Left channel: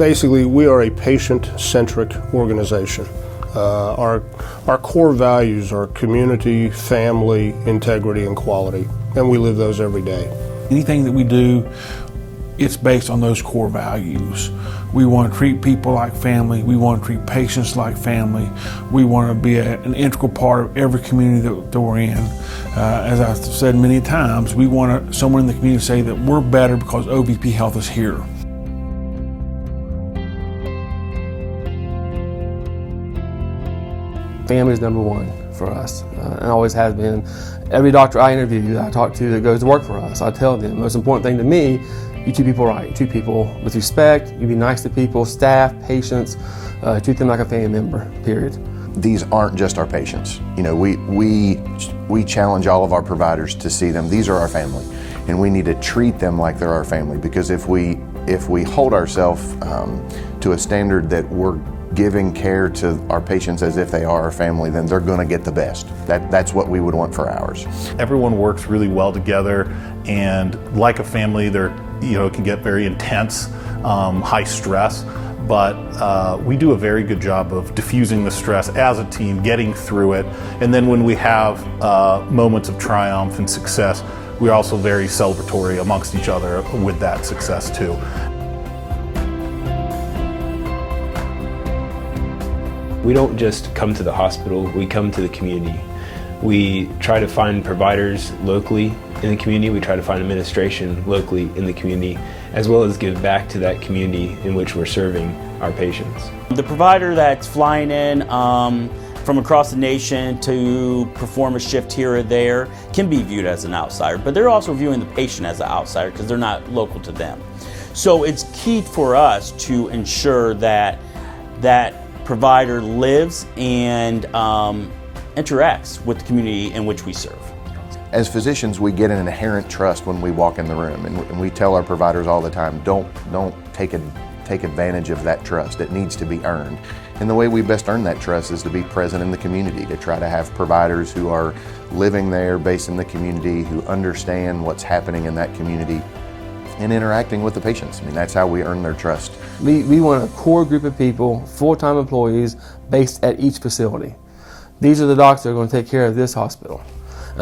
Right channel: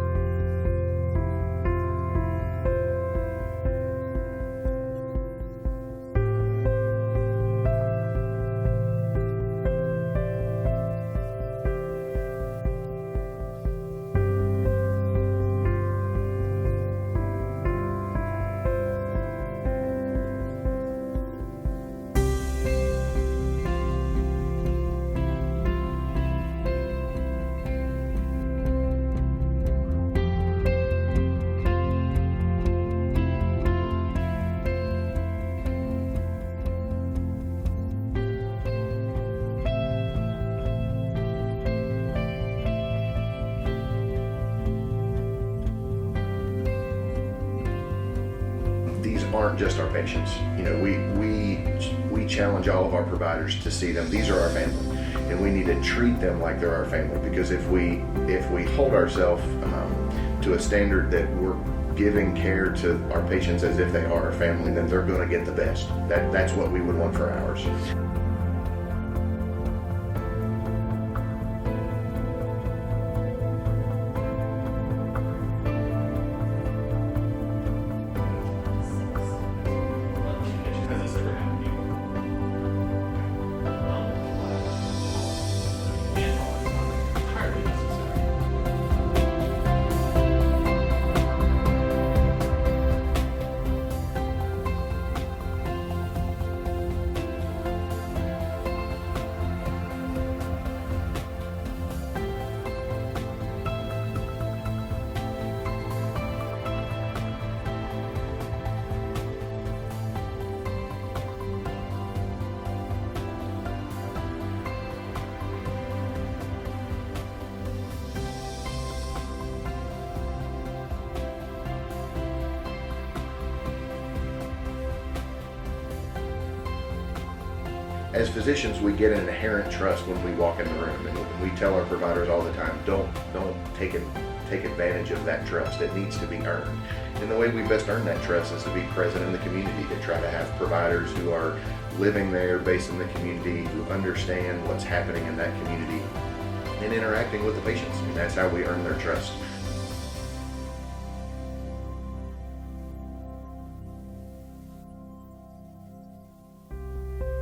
Basically, we are a patient-centric organization. Our core values are community, family, integrity, and quality, and we live those every day. Anything that we do, it's based on those core values. We want to treat people like family. We want to treat patients like family. We want to be an integral part of every community that we're in. As I've said many times, we want someone in the community to say that we're better because OVP Health is here. Family is number one for us, and always has been. Every doctor I interview, that I talk to that goes to work for us, I tell them the most important thing to me, you treat people right. You treat people with respect, you be nice to people, staff, patients, treat them like a family member, period. These aren't just our patients. You know, we challenge all of our providers to see them. These are our family, and we need to treat them like they're our family, because if we hold ourselves to a standard that we're giving care to our patients as if they are our family, then they're going to get the best. That's what we would want for ours. Everyone works really well together, and like a family, it can get very intense, high stress, but we do a very good job of diffusing the stress as a team, getting through it, and then when we have moments of triumph and success, we're also very celebratory amongst each other with that success too. We don't just come to the hospital, we come to the community. We try to find providers locally in the community, we try to find administration locally in the community, as well as give back to that community in which we're serving our patients. The provider that's flying in from across the nation to perform a shift here or there can be viewed as an outsider, but they're also viewing the patient as an outsider because they're not local to them. So it's key for us to ensure that that provider lives and interacts with the community in which we serve. As physicians, we get an inherent trust when we walk in the room, and we tell our providers all the time, don't take advantage of that trust. It needs to be earned. And the way we best earn that trust is to be present in the community, to try to have providers who are living there, based in the community, who understand what's happening in that community, and interacting with the patients. I mean, that's how we earn their trust. We want a core group of people, full-time employees, based at each facility. These are the doctors that are going to take care of this hospital.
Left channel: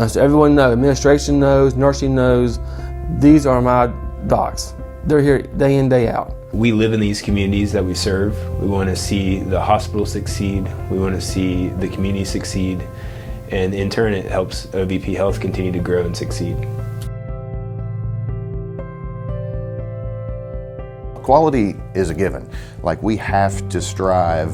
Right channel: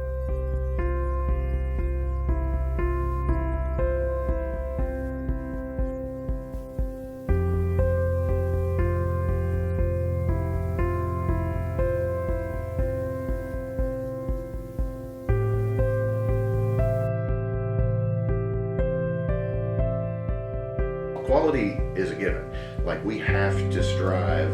So everyone knows, administration knows, nursing knows, these are my docs. They're here day in, day out. We live in these communities that we serve. We want to see the hospital succeed. We want to see the community succeed. And in turn, it helps OVP Health continue to grow and succeed. Quality is a given. Like, we have to strive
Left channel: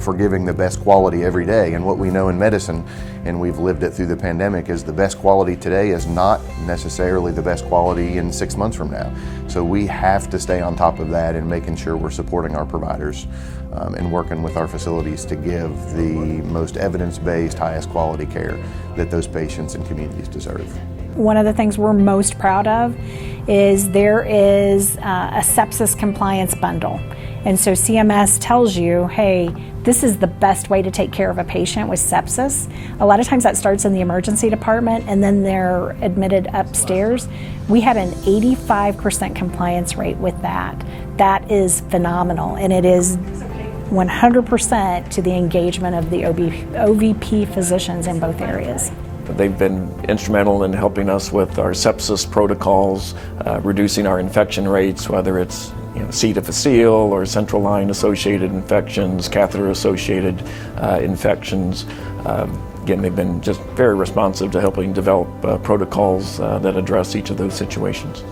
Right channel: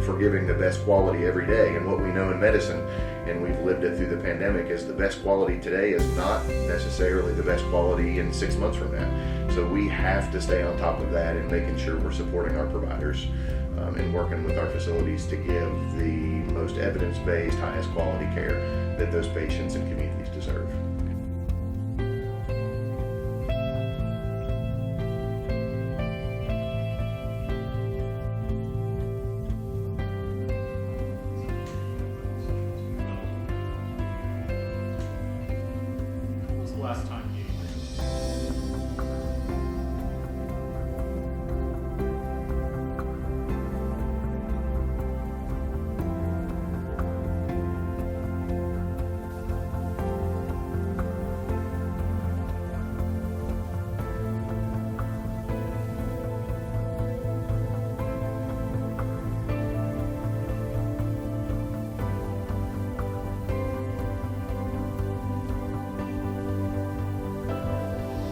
for giving the best quality every day. And what we know in medicine, and we've lived it through the pandemic, is the best quality today is not necessarily the best quality in 6 months from now. So we have to stay on top of that and making sure we're supporting our providers and working with our facilities to give the most evidence-based, highest quality care that those patients and communities deserve. One of the things we're most proud of is there is a sepsis compliance bundle. And so CMS tells you, hey, this is the best way to take care of a patient with sepsis. A lot of times that starts in the emergency department and then they're admitted upstairs. We had an 85% compliance rate with that. That is phenomenal, and it is 100% to the engagement of the OVP physicians in both areas. They've been instrumental in helping us with our sepsis protocols, reducing our infection rates, whether it's C. difficile or central line associated infections, catheter associated infections. Again, they've been just very responsive to helping develop protocols that address each of those situations.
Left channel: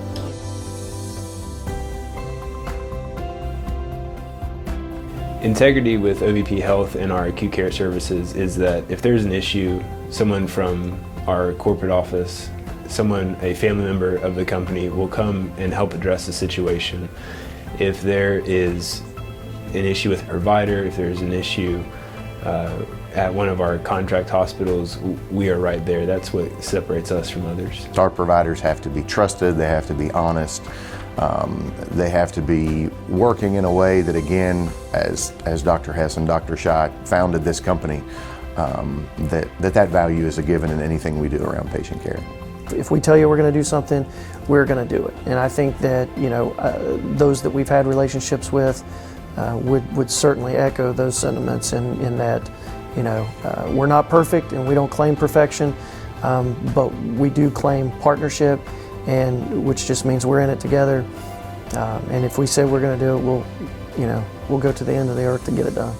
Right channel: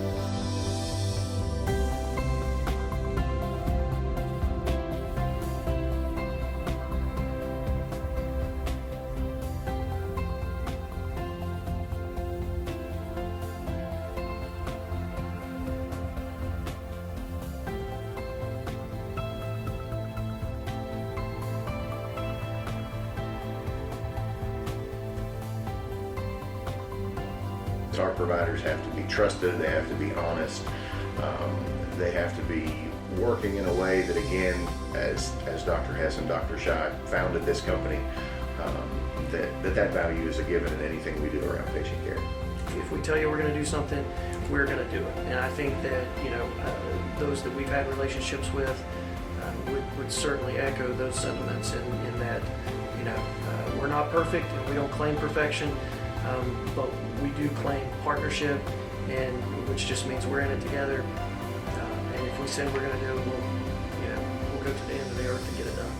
Integrity with OVP Health and our acute care services is that if there's an issue, someone from our corporate office, a family member of the company will come and help address the situation. If there is an issue with a provider, if there's an issue at one of our contract hospitals, we are right there. That's what separates us from others. Our providers have to be trusted, they have to be honest, they have to be working in a way that, again, as Dr. Hess and Dr. Schott founded this company, that value is a given in anything we do around patient care. if we tell you we're going to do something, we're going to do it. And I think that, you know, those that we've had relationships with would certainly echo those sentiments in that, you know, we're not perfect and we don't claim perfection, but we do claim partnership, and which just means we're in it together. And if we say we're going to do it, we'll go to the end of the earth to get it done.